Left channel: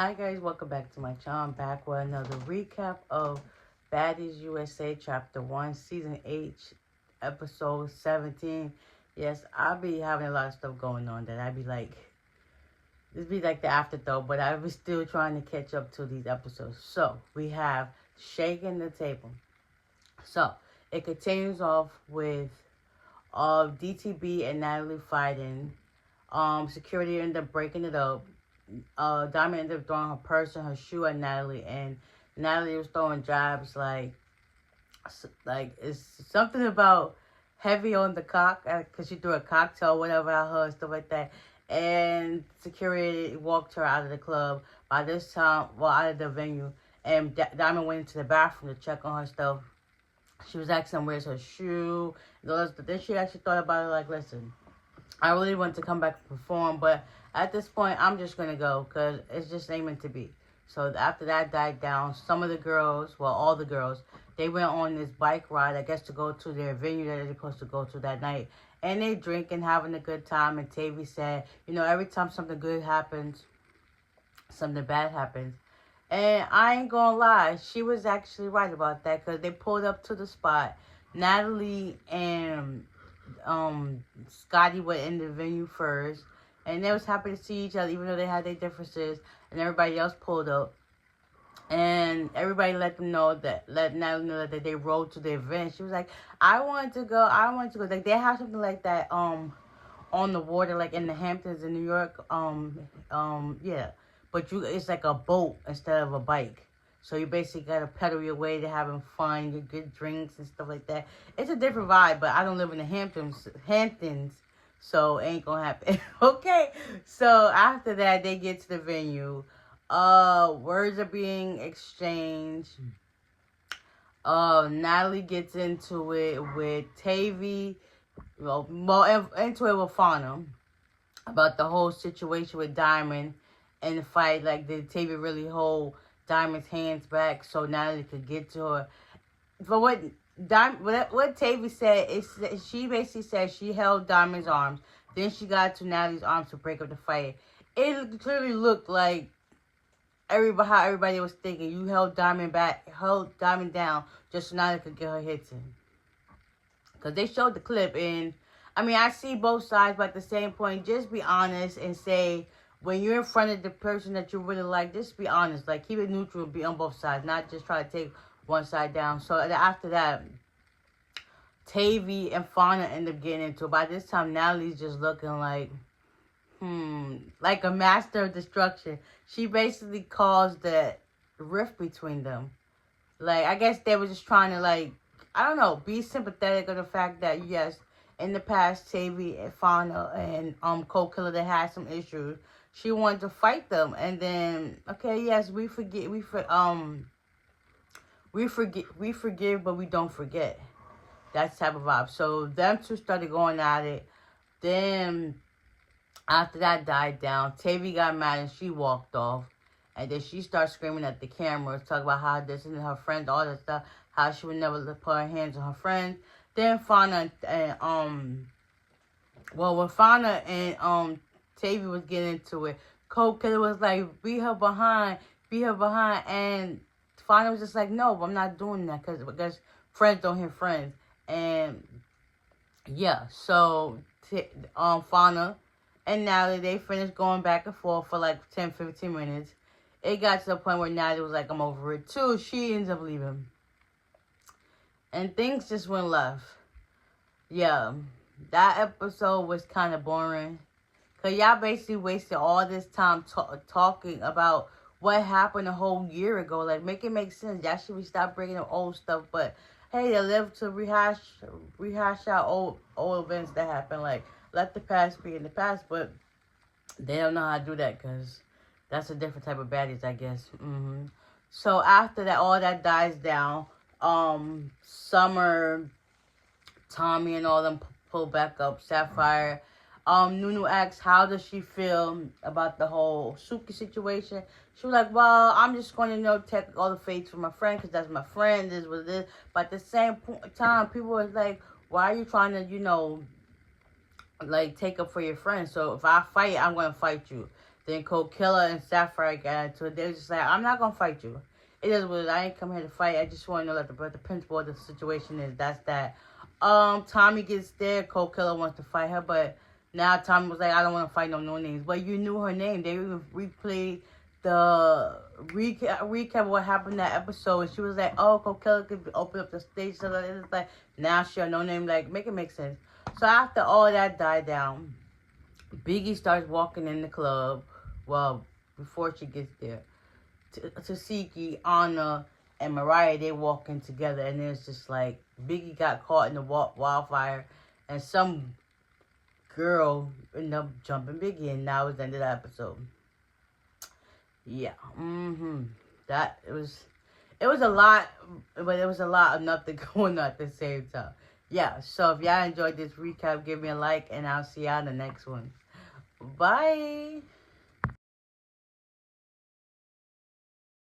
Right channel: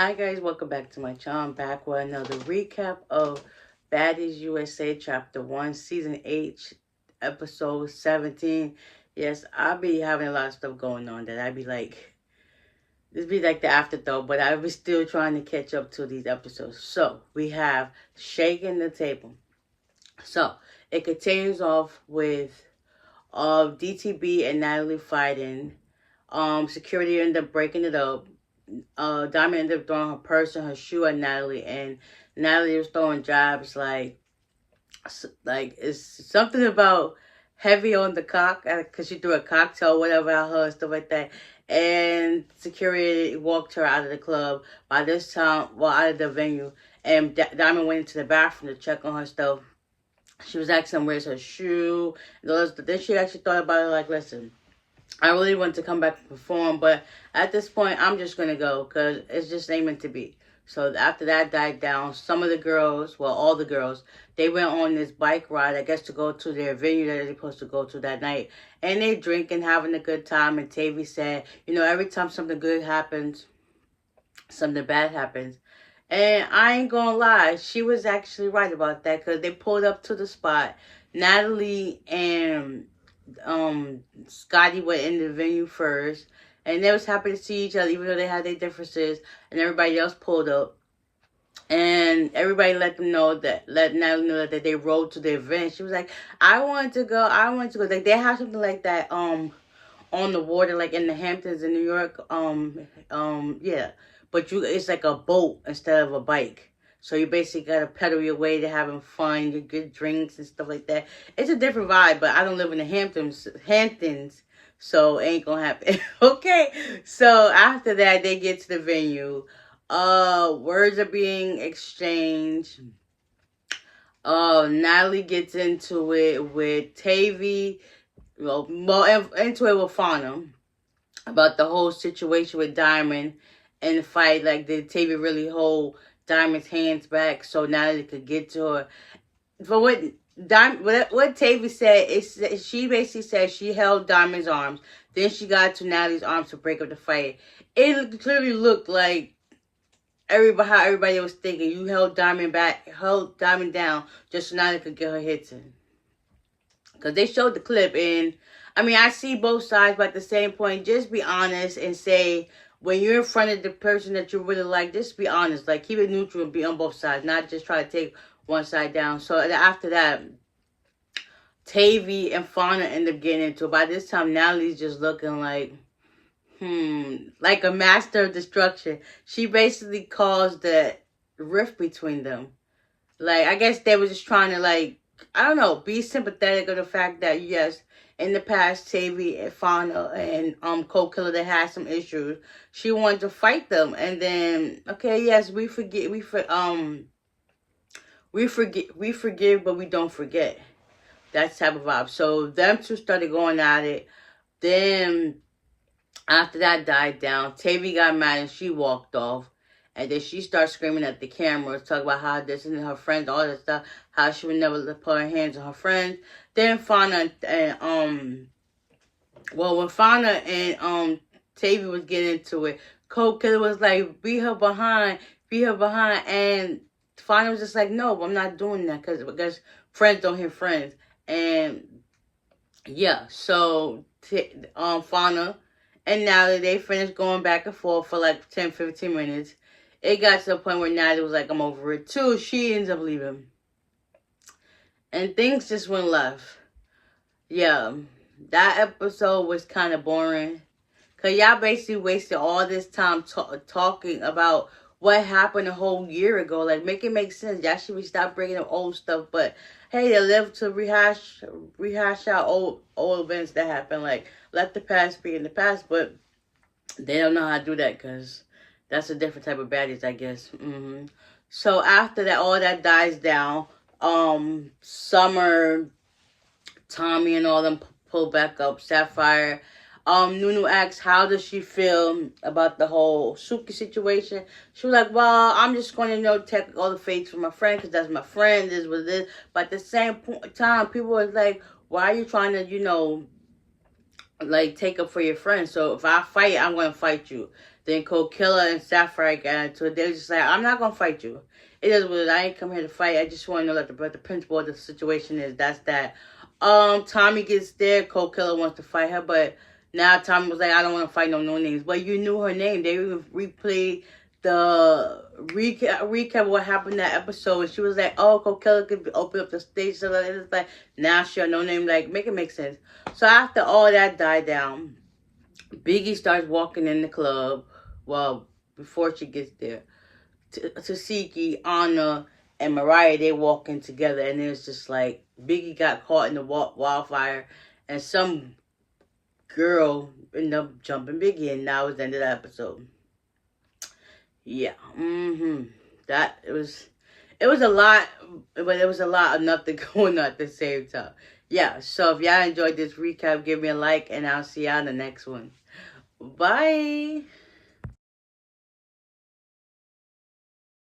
Hi guys, welcome back to my channel. I'm back with another recap of Baddies USA Chapter 1, Season 8, Episode 17. Yes, I'll be having a lot of stuff going on that I'd be like, this be like the afterthought, but I was still trying to catch up to these episodes. So, we have Shaking the Table. So, it continues off with DTB and Natalie fighting. Security ended up breaking it up. Diamond ended up throwing her purse and her shoe at Natalie, and Natalie was throwing jabs like it's something about heavy on the cock because she threw a cocktail, whatever, at her and stuff like that. And security walked her out of the club. By this time, well, out of the venue, and Diamond went into the bathroom to check on her stuff. She was asking where's her shoe. Then she actually thought about it, like, listen, I really want to come back and perform, but at this point, I'm just going to go because it's just ain't meant to be. So after that died down, some of the girls, well, all the girls, they went on this bike ride, I guess, to go to their venue that they're supposed to go to that night. And they drinking, having a good time. And Tavy said, you know, every time something good happens, something bad happens. And I ain't gonna lie, she was actually right about that because they pulled up to the spot. Natalie and Scotty went in the venue first, and they was happy to see each other even though they had their differences, and everybody else pulled up, and everybody let Natalie know that they rode to the event. She was like, I wanted to go. Like, they have something like that on the water, like in the Hamptons in New York. Yeah, but it's like a boat instead of a bike. So you basically gotta pedal your way to having fun, you get drinks and stuff like that. It's a different vibe, but I don't live in the Hamptons, so it ain't gonna happen. Okay, so after that, they get to the venue. Words are being exchanged. Natalie gets into it with Tavy, into it with Fauna about the whole situation with Diamond and the fight. Like, did Tavy really hold Diamond's hands back so Natalie could get to her? But what Tavy said is, she basically said she held Diamond's arms, then she got to Natalie's arms to break up the fight. It clearly looked like how everybody was thinking. You held Diamond down just so Natalie could get her hits in. Because they showed the clip, and I mean, I see both sides, but at the same point, just be honest and say, when you're in front of the person that you really like, just be honest. Like, keep it neutral and be on both sides, not just try to take one side down. So after that, Tavy and Fauna end up getting into it. By this time, Natalie's just looking like a master of destruction. She basically caused the rift between them. Like, I guess they were just trying to, like, I don't know, be sympathetic of the fact that, yes, in the past, Tavy and Fauna and Cold Killer, they had some issues. She wanted to fight them, and then, okay, yes, we forgive, but we don't forget. That's the type of vibe. So them two started going at it. Then after that died down, Tavy got mad and she walked off. And then she started screaming at the camera, talking about how this and her friends, all that stuff, how she would never put her hands on her friends. Then Fauna and when Fauna and Tavy was getting into it, Cold Killer was like, beat her behind, and Fauna was just like, no, I'm not doing that because friends don't hit friends. And yeah, so Fauna and Natalie, they finished going back and forth for like 10-15 minutes. It got to the point where Natalie was like, I'm over it too. She ends up leaving. And things just went left. Yeah, that episode was kind of boring. Because y'all basically wasted all this time talking about what happened a whole year ago. Like, make it make sense. Y'all should stop bringing up old stuff. But, hey, they live to rehash out old events that happened. Like, let the past be in the past. But they don't know how to do that because that's a different type of baddies, I guess. So after that, all that dies down. Summer, Tommy, and all them pull back up. Sapphire. Nunu asks, how does she feel about the whole Suki situation? She was like, well, I'm just going to, take all the fates from my friend because that's my friend. This was this. But at the same time, people was like, why are you trying to, like, take up for your friend? So if I fight, I'm going to fight you. Then Cold Killer and Sapphire got into it. They were just like, I'm not going to fight you. It is what it is. I ain't come here to fight. I just want to know what the principle of the situation is. That's that. Tommy gets there. Cold Killer wants to fight her, but now Tommy was like, I don't want to fight no names. But you knew her name. They even replayed the recap of what happened in that episode. And she was like, oh, Cold Killer could open up the stage. So it's like, now she had no name. Like, make it make sense. So after all that died down, Biggie starts walking in the club. Well, before she gets there. Tasiki, Anna, and Mariah, they walking together. And it's just like, Biggie got caught in the wildfire. And some girl ended up jumping Biggie. And now it's the end of the episode. Yeah. It was a lot. But it was a lot of nothing going on at the same time. Yeah, so if y'all enjoyed this recap, give me a like, and I'll see y'all in the next one. Bye.